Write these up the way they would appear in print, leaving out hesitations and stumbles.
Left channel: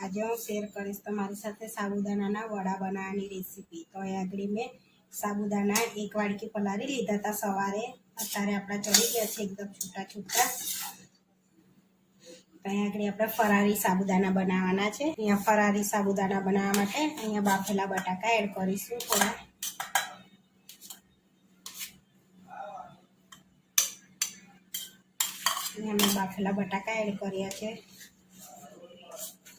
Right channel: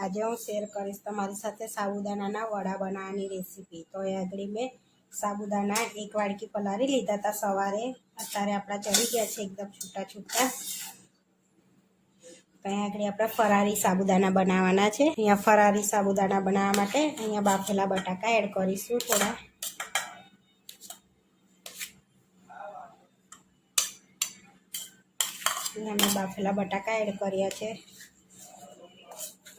આજે હું શેર કરીશ તમારી સાથે સાબુદાણાના વડા બનાવવાની રેસીપી। તો એ આગળ મેં સાબુદાણા એક વાડકી પલાળી લીધા હતા સવારે, અત્યારે આપણા ચડી ગયા છે એકદમ છૂટા છૂટા। અહીંયા આગળ આપણે ફરારી સાબુદાણા બનાવવાના છે। અહીંયા ફરારી સાબુદાણા બનાવવા માટે અહીંયા બાફેલા બટાકા એડ કરીશું થોડા। અહીંયા મેં બાફેલા બટાકા એડ કર્યા છે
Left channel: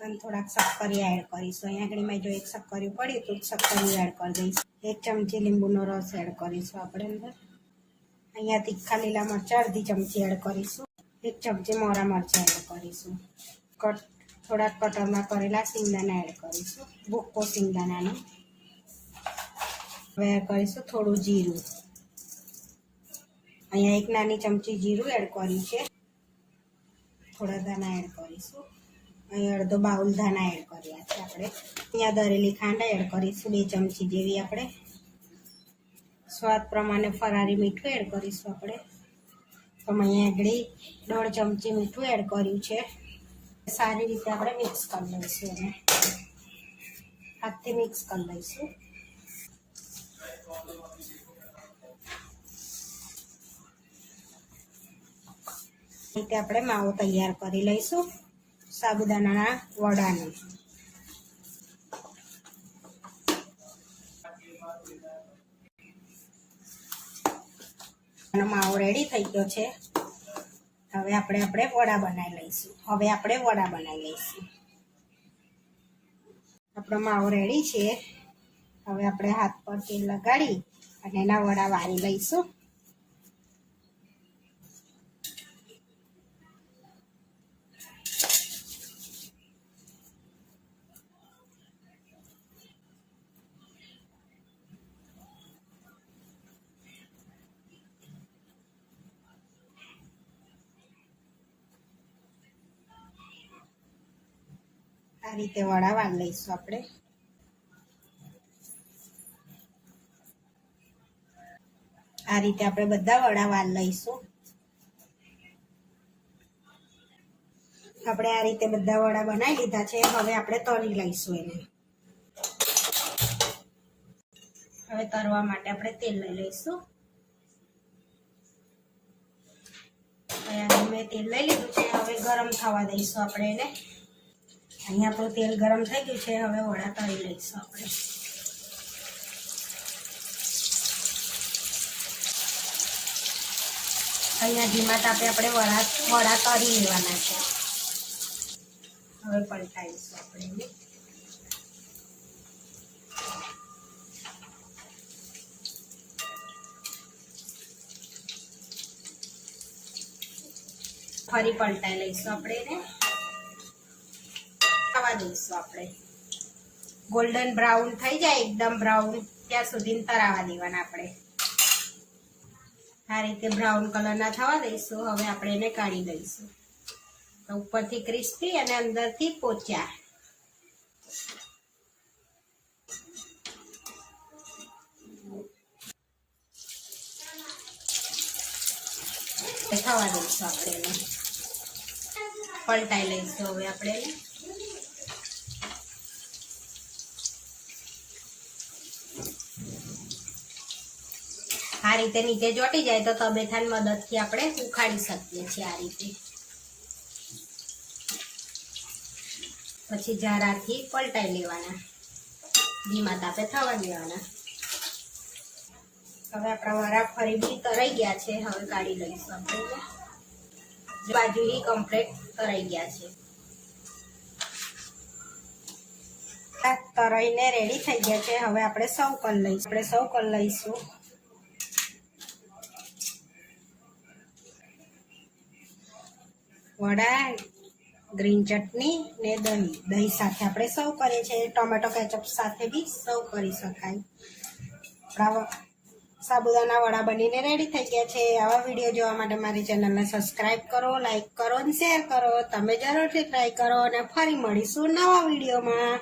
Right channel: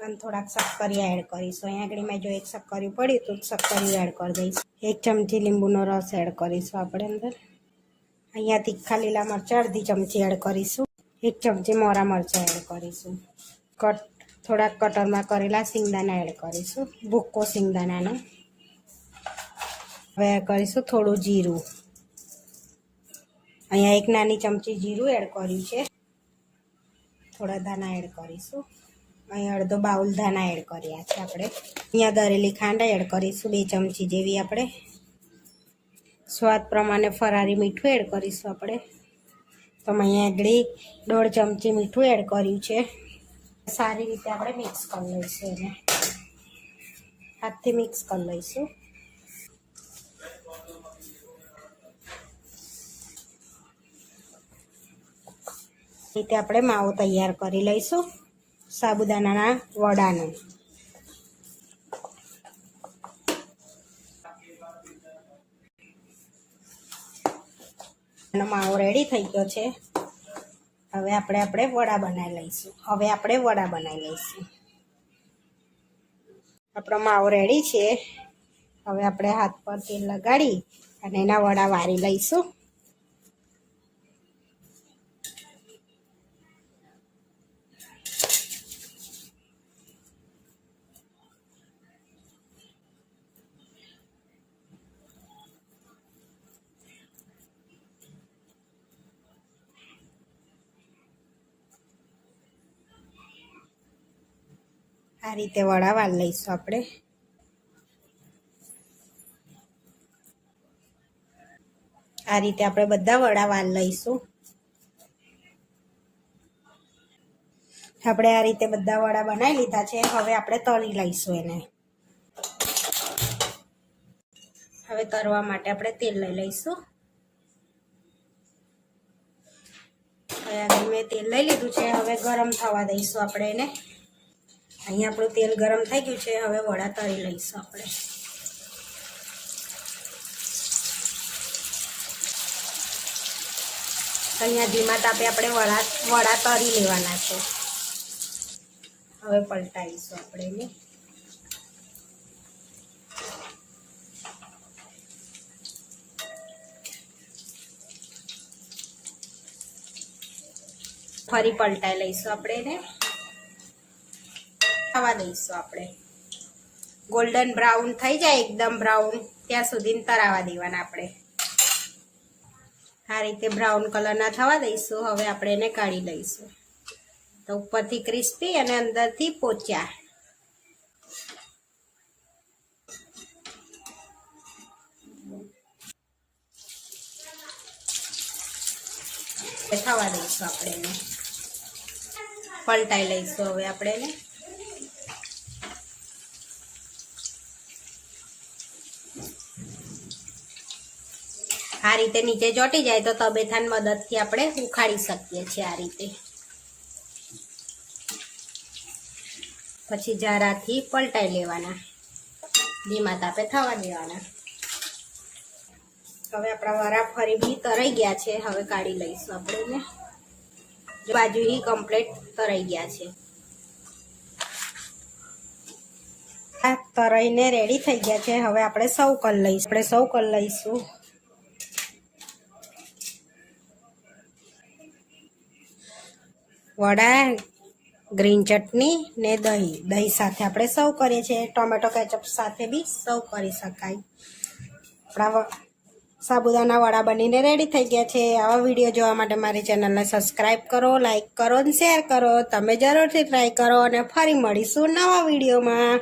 અને થોડાક શક્કરિયા એડ કરીશું। અહીંયા આગળ મેં જો એક શક્કરિયું પડ્યું તો શક્કરિયું એડ કરી દઈશ। 1 ચમચી લીંબુનો રસ એડ કરીશું આપણે અંદર। અહીંયા તીખા લીલા મરચાં અડધી ચમચી એડ કરીશું। 1 ચમચી મોરા મરચાં એડ કરીશું। થોડાક કટરમાં કરેલા સિંગદાણા એડ કરીશું, ભૂક્કો સિંગદાણાનો। હવે એડ કરીશું થોડું જીરું। અહીંયા 1 નાની ચમચી જીરું એડ કર્યું છે। થોડા ધાણા એડ કરીશું। અહીંયા અડધો બાઉલ ધાણા એડ કર્યા છે આપણે। અહીંયા દરેલી ખાંડ એડ કરીશું 2 ચમચી જેવી આપણે। સ્વાદ પ્રમાણે ફરારી મીઠું એડ કરીશું આપણે। તો અહીંયા આગળ 1.5 ચમચી મીઠું એડ કર્યું છે। સારી રીતે આપણે મિક્સ કરી લઈશું એને, હાથથી મિક્સ કરી લઈશું। રીતે આપણે માવો તૈયાર કરી લઈશું સાબુદાણાના વડાનો। માવો રેડી થઈ ગયો છે। હવે આપણે વડા બનાવી લઈશું। આપણો માવો રેડી છે। હવે આપણે હાથ પર તેલ લગાડી અને એના વડા વારી લઈશું। આ રીતે વડા વાળી લઈશું આપણે। આ રીતે આપણે બધા વડા વાળી લઈશું। આપણે આ રીતે બધા વડા બનાવી લીધા છે। હવે આપણે તળી લઈશું એને। હવે તળવા માટે આપણે તેલ લઈ લઈશું। અહીંયા મેં તેલ લઈ લીધું છે। હવે ગરમ થવા દઈશું આપણે એને। અહીંયા આપણું તેલ ગરમ થઈ ગયું છે। હવે વડા તળી લઈશું આપણે। અહીંયા ધીમા તાપે આપણે વડા તળી લેવાના છે। હવે પલટાવીશું આપણે એને। ફરી પલટાઈ લઈશું આપણે એને। થવા દઈશું આપણે। ગોલ્ડન બ્રાઉન થઈ જાય એકદમ બ્રાઉન ત્યાં સુધી તળાવા દેવાના આપણે। આ રીતે બ્રાઉન કલરના થવા દઈશું। હવે આપણે એને કાઢી દઈશું। તો ઉપરથી ક્રિસ્પી અને અંદરથી પોચા થવા દઈશું આપણે એને। પલટાઈ લઈશું હવે આપણે એને। આ રીતે નીચે ચોંટી જાય તો તબેથાની મદદથી આપણે ઉખાડી શકીએ છીએ આ રીતે। પછી જારાથી પલટાઈ લેવાના, ધીમા તાપે થવા દેવાના। હવે આપણા વડા ફરી બી તરાઈ ગયા છે। હવે કાઢી લઈશું આપણે એને। બાજુથી કમ્પ્લીટ તરાઈ ગયા છે। આ તરાઈને રેડી થઈ ગયા છે। હવે આપણે સર્વ કરી લઈશું। વડા, ગ્રીન ચટણી ને દહીં સાથે આપણે સર્વ કરીએ છીએ। ટોમેટો કેચઅપ સાથે બી સર્વ કરી શકાય। આપણા સાબુદાના વડા બનીને રેડી થઈ ગયા છે। આવા વિડીયો જોવા માટે મારી ચેનલને સબસ્ક્રાઈબ કરો, લાઈક કરો અને શેર કરો। તમે જરૂરથી ટ્રાય કરો અને ફરી મળીશું નવા વિડીયોમાં।